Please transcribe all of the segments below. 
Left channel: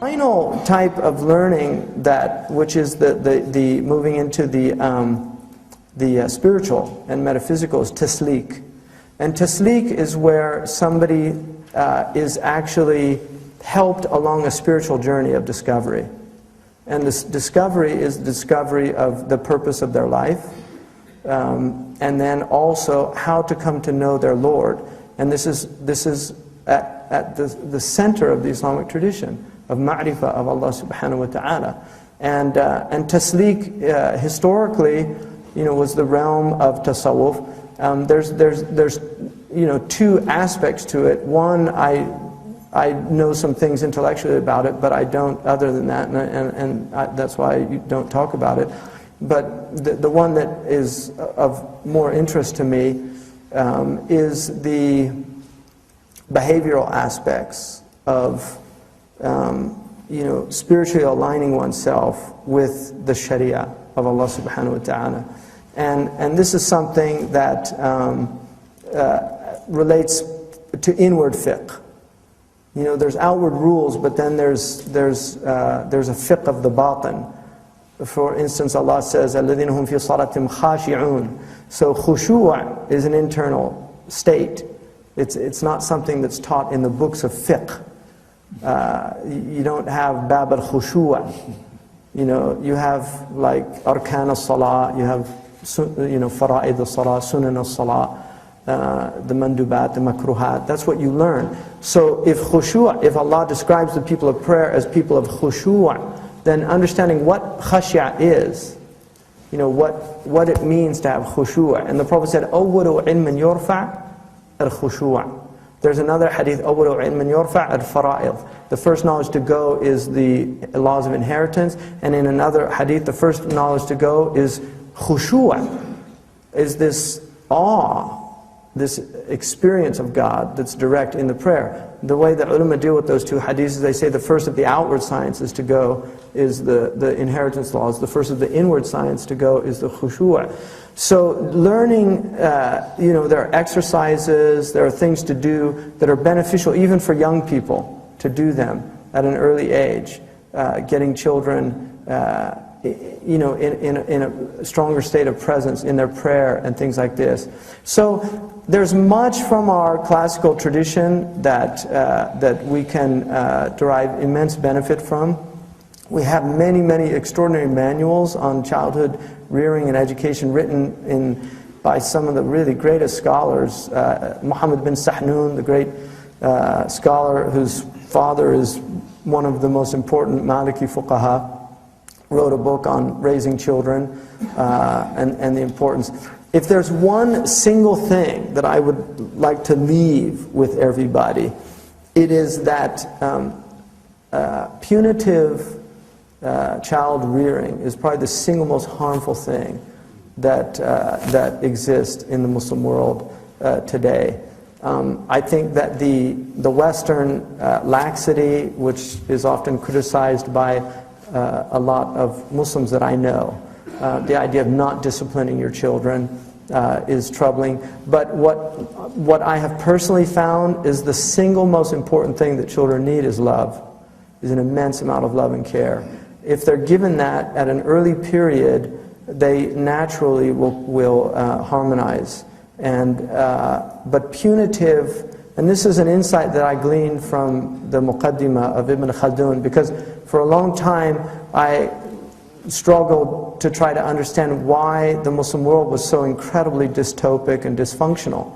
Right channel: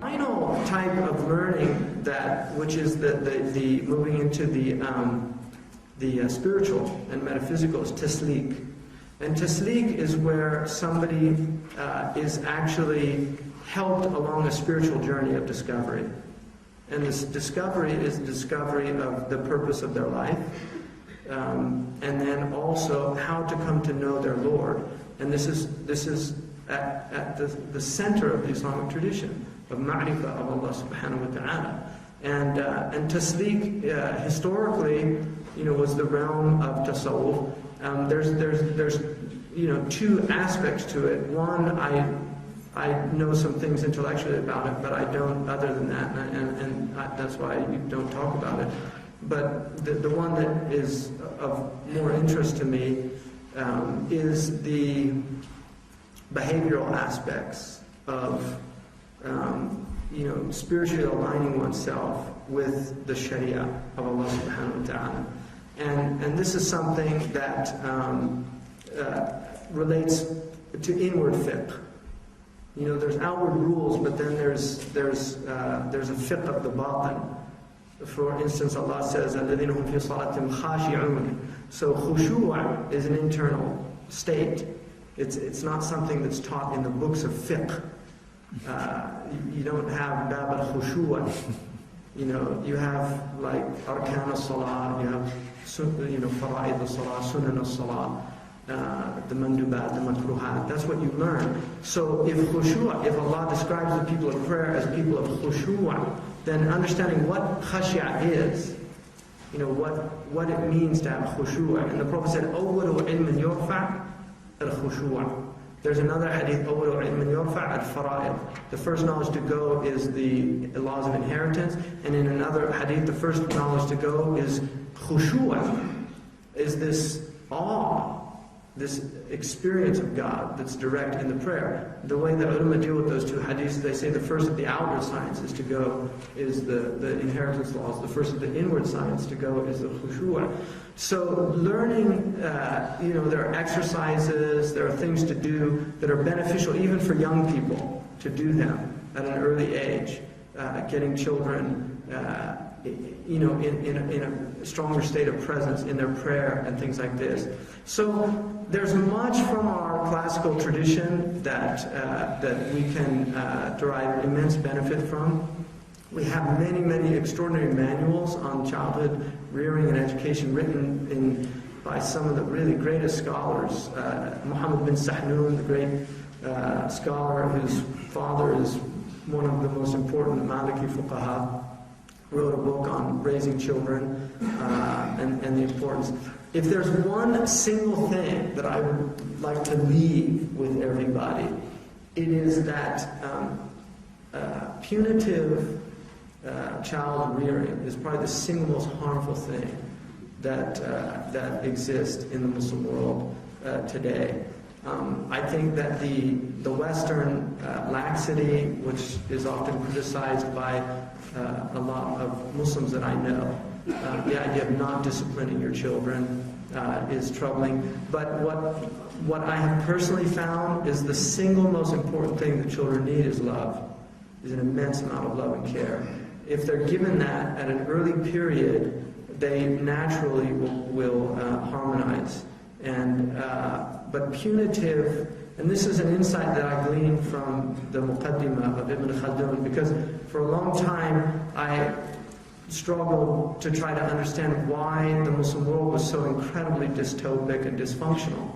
Final type of learning which is the moving into the spiritual and metaphysical is tasleek. And tasleek is where somebody is actually helped along a spiritual journey of discovery. And this discovery is the discovery of the purpose of their life, and then also how to come to know their Lord. And this is at the center of the Islamic tradition of ma'rifah of Allah subhanahu wa ta'ala. And tasleek historically, was the realm of tasawwuf. There's two aspects to it. One, I know some things intellectually about it, but I don't other than that, and that's why you don't talk about it. But the one that is of more interest to me is the behavioral aspects of spiritually aligning oneself with the Sharia of Allah subhanahu wa ta'ala. And this is something that relates to inward fiqh. There's outward rules, but then there's a fiqh of the batin. For instance, Allah says, الَّذِينَ هُمْ فِي صَلَاتِهِمْ خَاشِعُونَ. So khushu' is an internal state. It's not something that's taught in the books of fiqh. You don't have bab al-khushu'. You have like arkan al-salah, you have fara'id al-salah, sunan al-salah, the mandubat, the makruhat. That's what you learn. So if Allah describes the people of prayer as people of khushu', then understanding what khashya is, what it means to have khushu'. And the Prophet said, أَوَّلُ عِلْمٍ يُرْفَعْ الْخُشُوع. There's another hadith, أَوَّلُ عِلْمٍ يُرْفَعْ الْفَرَائِض. The first knowledge to go is the laws of inheritance. And in another hadith, the first knowledge to go is khushu', is this awe, this experience of God that's direct in the prayer. The way that ulama deal with those two hadiths is they say the first of the outward sciences to go is the inheritance laws. The first of the inward science to go is the khushu'. So learning, there are exercises, there are things to do that are beneficial even for young people to do them at an early age. Getting children in a stronger state of presence in their prayer and things like this. So there's much from our classical tradition that we can derive immense benefit from. We have many, many extraordinary manuals on childhood rearing and education written by some of the really greatest scholars. Muhammad bin Sahnun, the great scholar whose father is one of the most important Maliki fuqaha, wrote a book on raising children and the importance. If there's one single thing that I would like to leave with everybody, it is that punitive child rearing is probably the single most harmful thing that exists in the Muslim world today. I think that the Western laxity, which is often criticized by a lot of Muslims that I know, the idea of not disciplining your children is troubling. But what I have personally found is the single most important thing that children need is love, is an immense amount of love and care. If they're given that at an early period, they naturally will harmonize. But punitive, and this is an insight that I gleaned from the Muqaddimah of Ibn Khaldun, because for a long time I struggled to try to understand why the Muslim world was so incredibly dystopic and dysfunctional.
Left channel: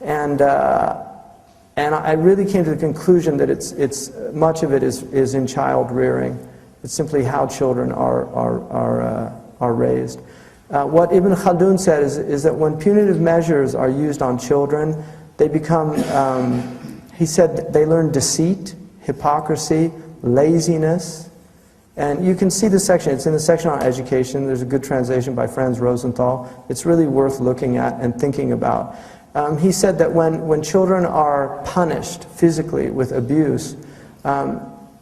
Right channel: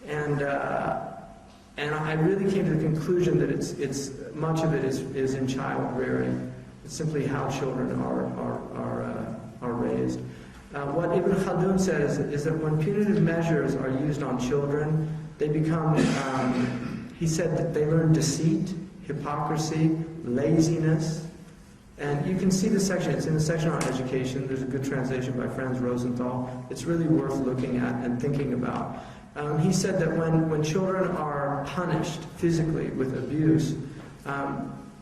And I really came to the conclusion that it's much of it is in child rearing. It's simply how children are raised. What Ibn Khaldun said is that when punitive measures are used on children, they become, he said that they learn deceit, hypocrisy, laziness. And you can see the section, it's in the section on education. There's a good translation by Franz Rosenthal. It's really worth looking at and thinking about. He said that when children are punished physically with abuse,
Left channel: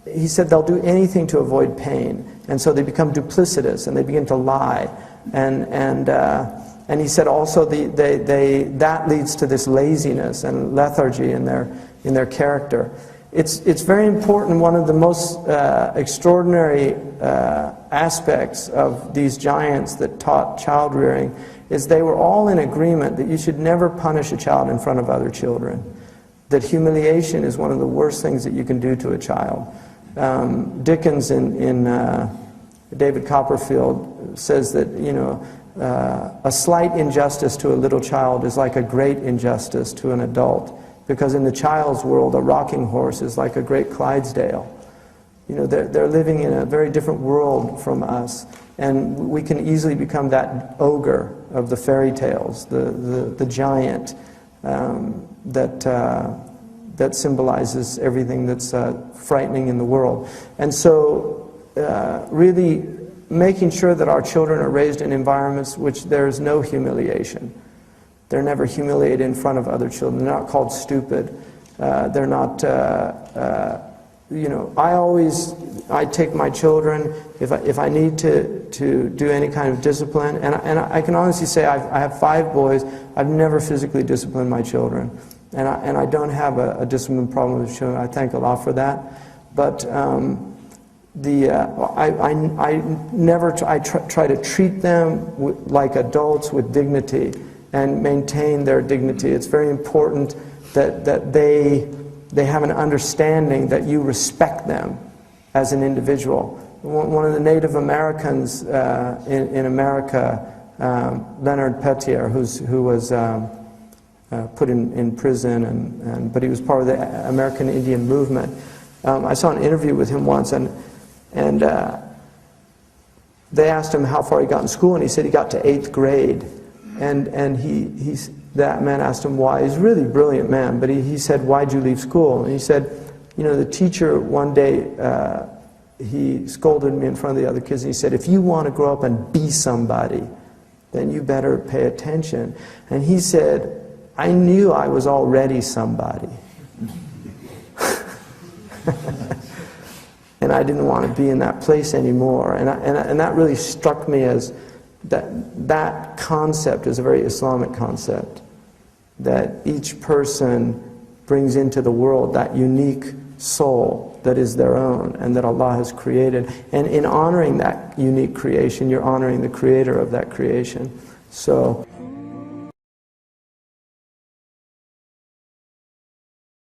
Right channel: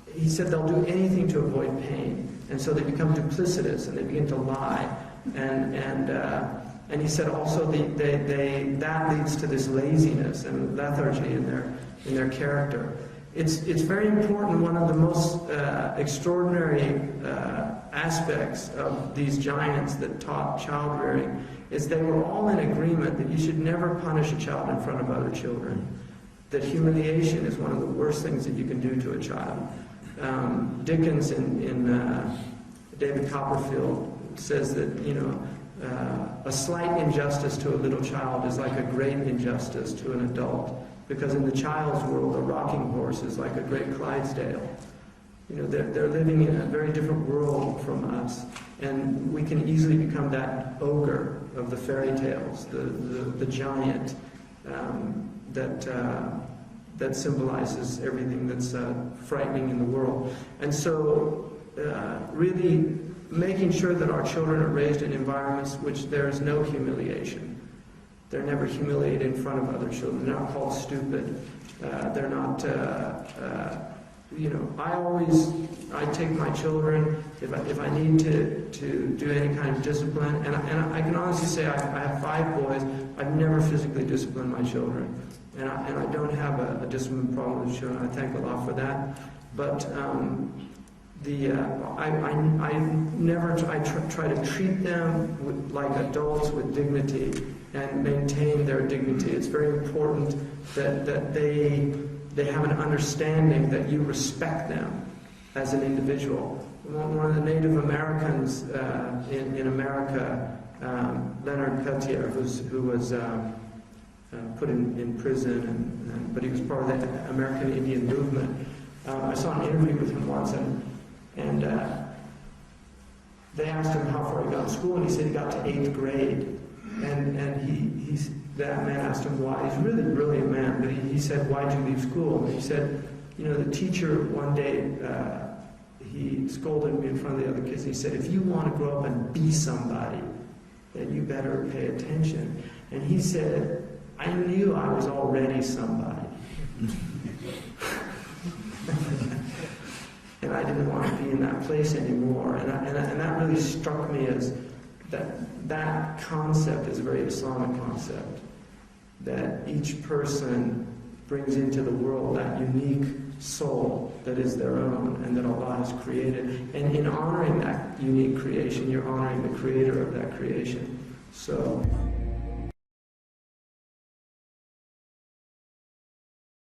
he said they'll do anything to avoid pain. And so they become duplicitous and they begin to lie. And he said also that leads to this laziness and lethargy in their character. it's very important. One of the most extraordinary aspects of these giants that taught child rearing is they were all in agreement that you should never punish a child in front of other children. That humiliation is one of the worst things that you can do to a child. Dickens in David Copperfield says that, you know, a slight injustice to a little child is like a great injustice to an adult, because in the child's world a rocking horse is like a great Clydesdale. You know, they're living in a very different world from us, and we can easily become that ogre of the fairy tales, the giant that symbolizes everything that's frightening in the world. And so really making sure that our children are raised in environments which there's no humiliation. They're never humiliated in front of other children. They're not called stupid. They're not, you know, I take my children, if I need to do any kind of discipline, and I can honestly say I have 5 boys. I've never physically disciplined my children. And I don't have a discipline problem with children. I thank Allah for that. But I try to treat them like adults with dignity and maintain their dignity. It's very important that they have an understanding that you respect them as an individual. One of the Native Americans in America, Leonard Peltier, who was put in prison, but he was part of the American Indian movement. I saw an interview with him once, and they asked him how far he got in school, and he said he got to 8th grade. And that man asked him why. He's a really brilliant man, but he said, "Why'd you leave school?" And he said, "You know, the teacher one day, he scolded me in front of the other kids, and he said, if you want to grow up and be somebody, then you better pay attention." And he said, "I knew I was already somebody." And I didn't want to be in that place anymore. And that really struck me as that concept is a very Islamic concept, that each person brings into the world that unique soul that is their own and that Allah has created. And in honoring that unique creation, you're honoring the creator of that creation. So